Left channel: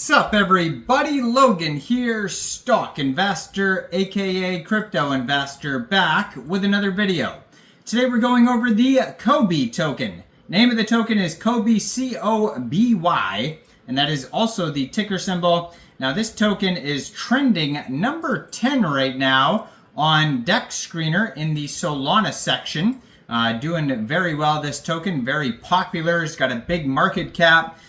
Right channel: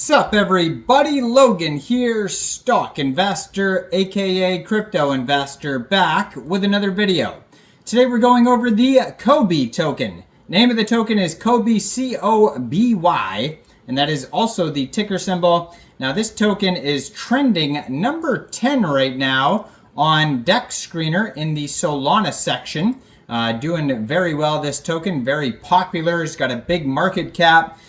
Sup everybody, Logan here, stock investor aka crypto investor, back with another video. Today we're going over the Coby token. Name of the token is Coby, C-O-B-Y, and that is also the ticker symbol. Now this token is trending number 10 right now on DEX Screener in the Solana section. Doing very well, this token, very popular, it's got a big market cap.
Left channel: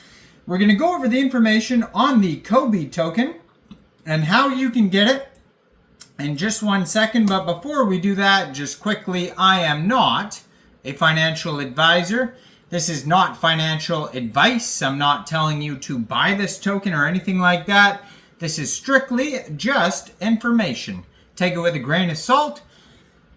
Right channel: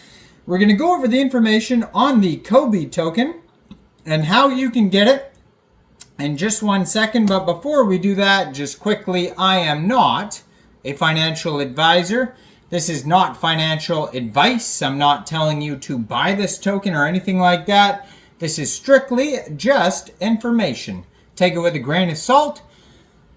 We're going to go over the information on the Coby token and how you can get it in just 1 second. But before we do that, just quickly, I am not a financial advisor. This is not financial advice. I'm not telling you to buy this token or anything like that. This is strictly just information. Take it with a grain of salt.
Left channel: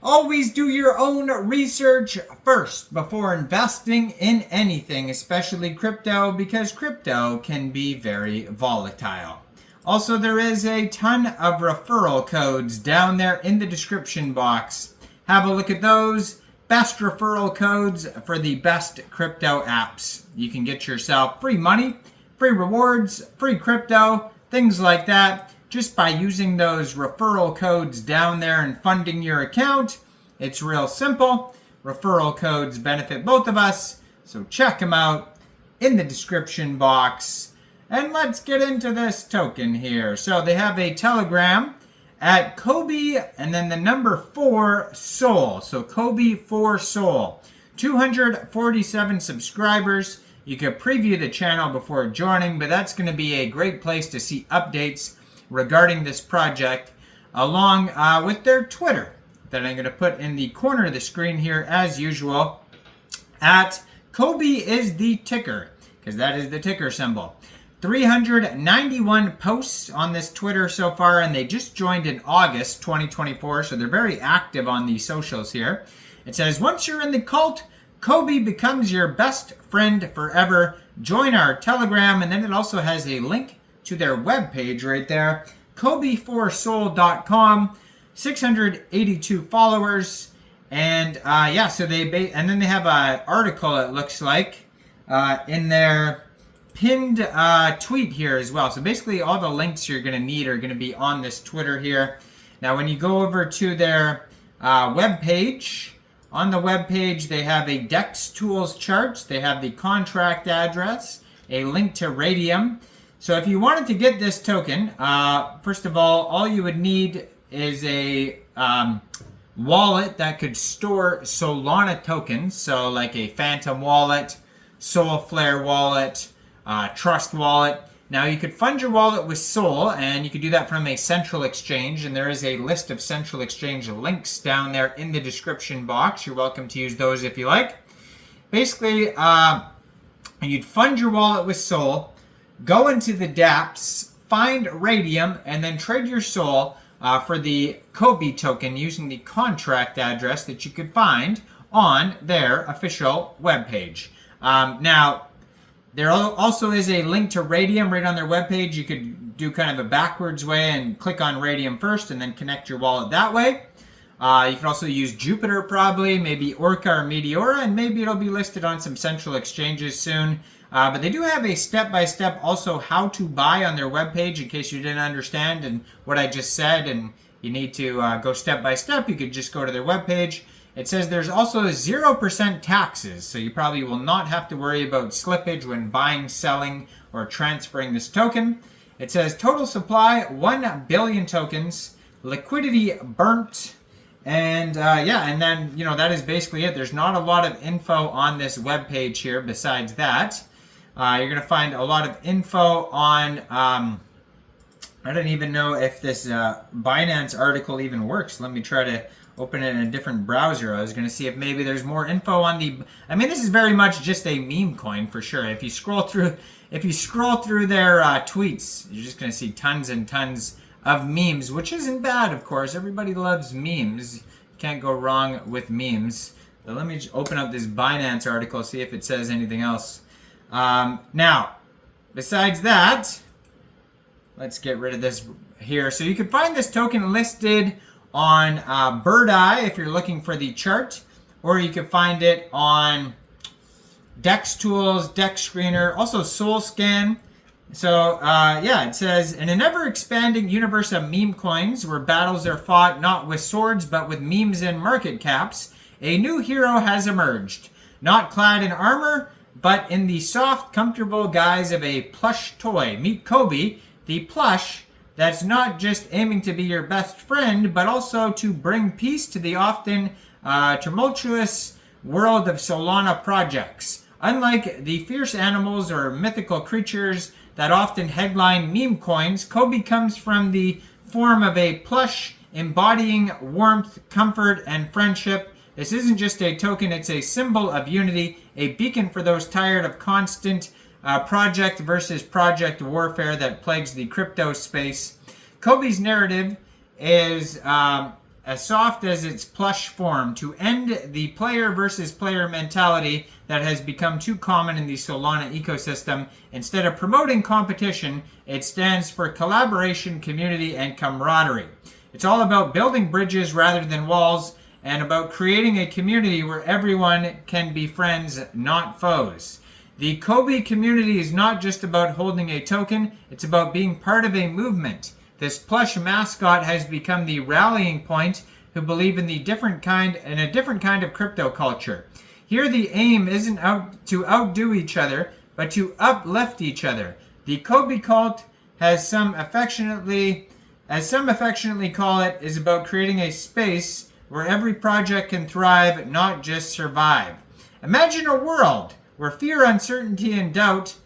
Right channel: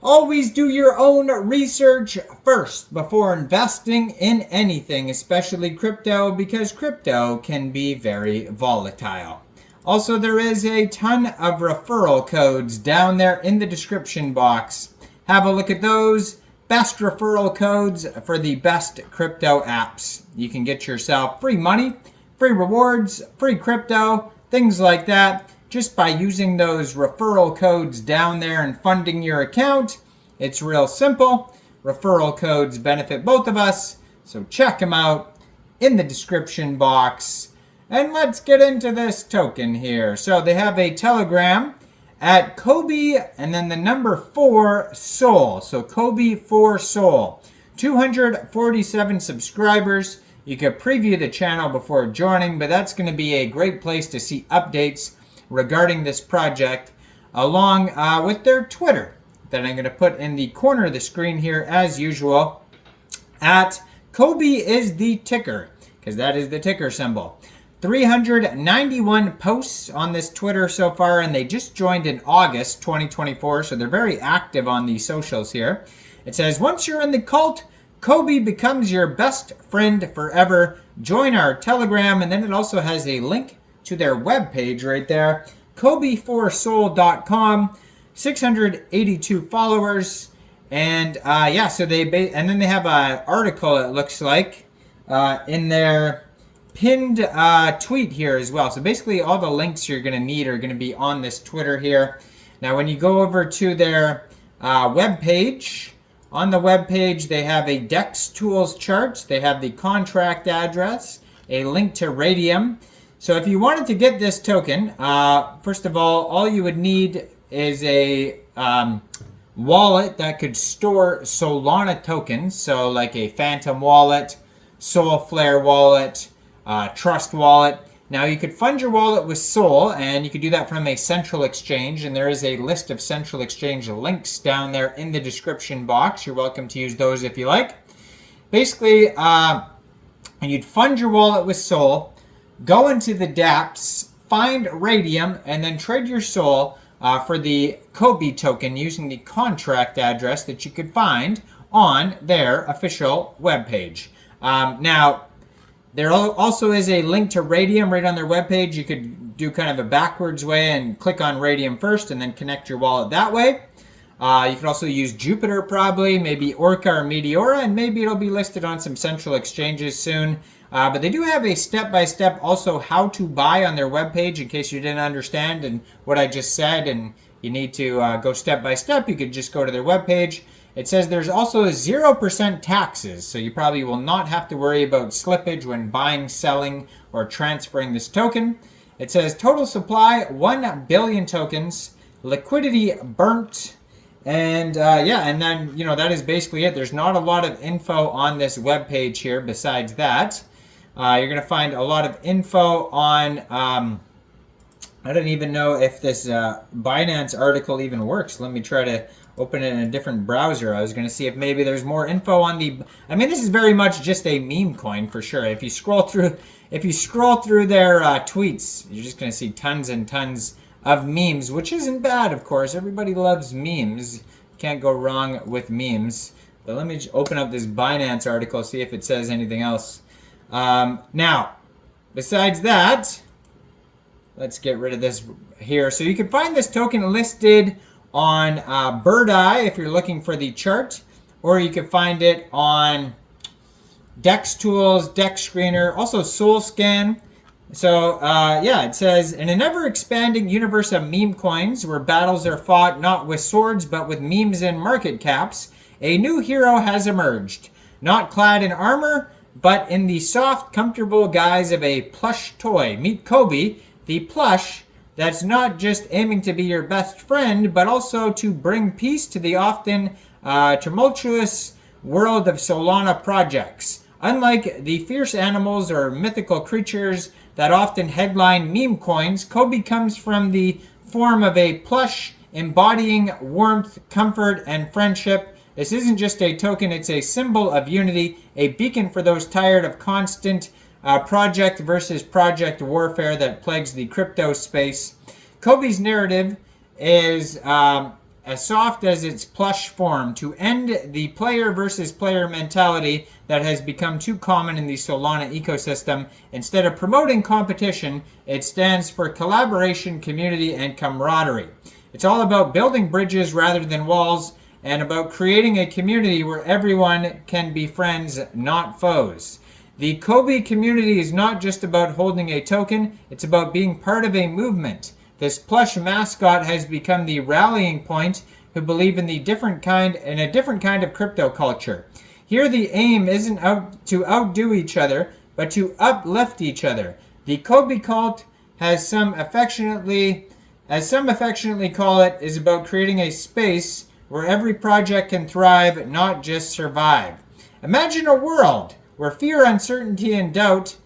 Always do your own research first before investing in anything, especially crypto, because crypto can be very volatile. Also, there is a ton of referral codes down there in the description box. Have a look at those. Best referral codes for the best crypto apps. You can get yourself free money, free rewards, free crypto, things like that, just by using those referral codes down there and funding your account. It's real simple. Referral codes benefit both of us, so check them out in the description box. And let's get into this token here. So they have a Telegram at Coby and then the number 4 Sol. So Coby 4 Sol. 247 subscribers. You can preview the channel before joining, but that's going to be a great place to see updates regarding this project, along with their Twitter that I'm going to put in the corner of the screen here as usual. At Coby is the ticker, because that is the ticker symbol. 391 posts on this Twitter so far, and they just joined in August 2024, so they're very active on the socials here. It says, once you're in the cult, Coby becomes your best friend forever. Join our Telegram, and then it also has a link to their webpage right there, Coby4Sol.com, 682 followers, and yeah, so and then they have an article, it looks like, in their pinned tweet here as well. So basically all the links you're going to need are going to be on this Twitter here. Now when you go over to their webpage, on the webpage they have a DEX tools chart, they have the contract address, a link to Raydium. So if you wanted to get this token, first of all you would need is a wallet that could store Solana tokens. So like a Phantom wallet, Solflare wallet, Trust wallet. Now you could fund your wallet with Sol, and you could do that from a central exchange. And there is a list of central exchange links down there in the description box. You're welcome to use those if you like. Basically, you'd fund your wallet with Sol, go into the dApps, find Raydium, and then trade your Sol for the Coby token using the contract address that you could find on their official webpage. Now, there also is a link to Raydium right on their webpage. You could do kind of a backwards way and click on Raydium first and then connect your wallet that way. You can also use Jupiter probably, maybe Orca or Meteora, and maybe it'll be listed on some central exchanges soon. But they do have a step-by-step also how to buy on their webpage in case you didn't understand and what I just said and you need to go step-by-step. You could just go to their webpage. It says there's also 0% taxes, so you probably will not have to worry about slippage when buying, selling, or transferring this token. It says total supply 1 billion tokens, liquidity burnt, and yeah, and then that is basically it. There's not a lot of info on this webpage here besides that. You're going to find a lot of info on, I don't even know if this Binance article even works. Let me try to open it in a different browser. I was going to see if maybe there's more info on the, I mean, this is very much just a meme coin for sure. If you scroll through their tweets, you're just going to see tons and tons of memes, which isn't bad, of course. Everybody loves memes. Can't go wrong with memes. But let me just open up this Binance article, see if it says anything else. Now, besides that, let's get rid of this here. So you can find this token listed on Birdeye if you're looking for the chart, or you can find it on DEX Tools, DEX Screener, also SolScan. So, yeah, it says, in an ever-expanding universe of meme coins, where battles are fought not with swords but with memes and market caps, a new hero has emerged. Not clad in armor, but in the soft, comfortable guise of a plush toy. Meet Coby, the plush that's not just aiming to be your best friend, but also to bring peace to the often tumultuous world of Solana projects. Unlike the fierce animals or mythical creatures that often headline meme coins, Coby comes from the form of a plush embodying warmth, comfort, and friendship. This isn't just a token, it's a symbol of unity, a beacon for those tired of constant project versus project warfare that plagues the crypto space. Coby's narrative is as soft as its plush form, to end the player versus player mentality that has become too common in the Solana ecosystem. Instead of promoting competition, it stands for collaboration, community, and camaraderie. It's all about building bridges rather than walls, and about creating a community where everyone can be friends, not foes. The Coby community is not just about holding a token, it's about being part of a movement. This plush mascot has become the rallying point who believe in a different kind of crypto culture. Here the aim isn't to outdo each other, but to uplift each other. The Coby cult, as some affectionately call it, is about creating a space where every project can thrive, not just survive. Imagine a world where fear, uncertainty, and doubt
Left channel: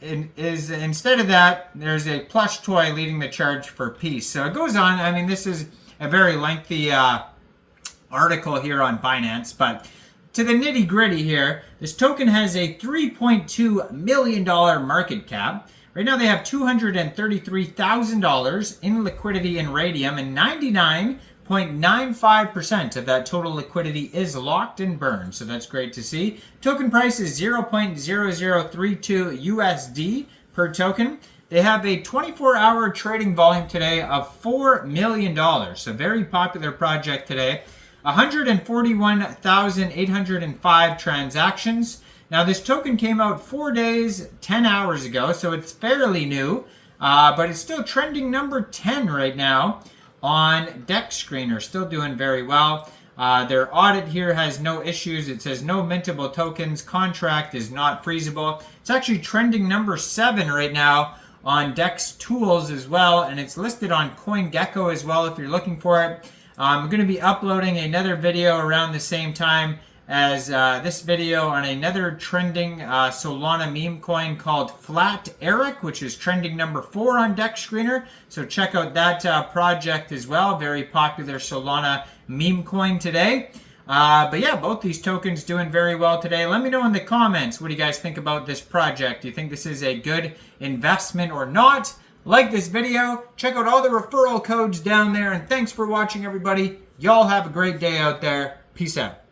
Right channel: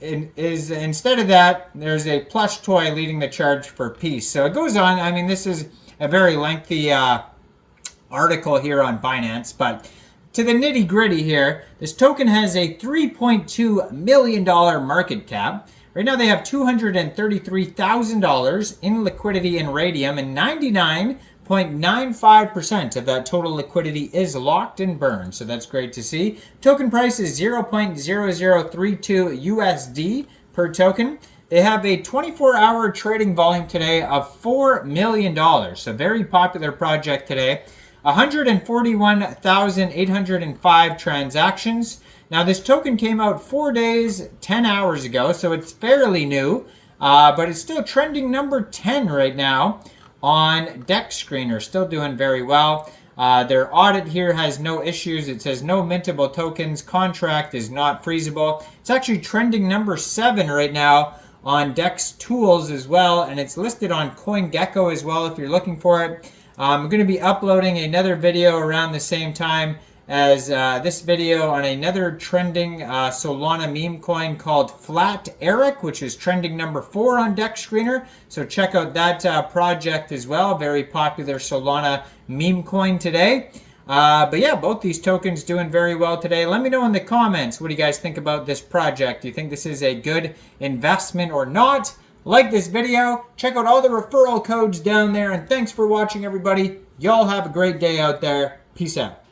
instead of that, there's a plush toy leading the charge for peace. So it goes on. I mean, this is a very lengthy article here on Binance, but to the nitty gritty here, this token has a $3.2 million market cap. Right now they have $233,000 in liquidity in Raydium, and 99.95% of that total liquidity is locked and burned. So that's great to see. Token price is 0.0032 USD per token. They have a 24-hour trading volume today of $4 million. So very popular project today. 141,805 transactions. Now this token came out 4 days, 10 hours ago, so it's fairly new, but it's still trending number 10 right now on DEX Screener, still doing very well. Their audit here has no issues. It says no mintable tokens, contract is not freezable. It's actually trending number 7 right now on DEX Tools as well, and it's listed on CoinGecko as well if you're looking for it. I'm going to be uploading another video around the same time as this video on another trending Solana meme coin called Flat Eric, which is trending number 4 on DEX Screener. So check out that project as well. Very popular Solana meme coin today. But yeah, both these tokens doing very well today. Let me know in the comments, what do you guys think about this project? Do you think this is a good investment or not? Like this video, check out all the referral codes down there, and thanks for watching, everybody. Y'all have a great day out there. Peace out.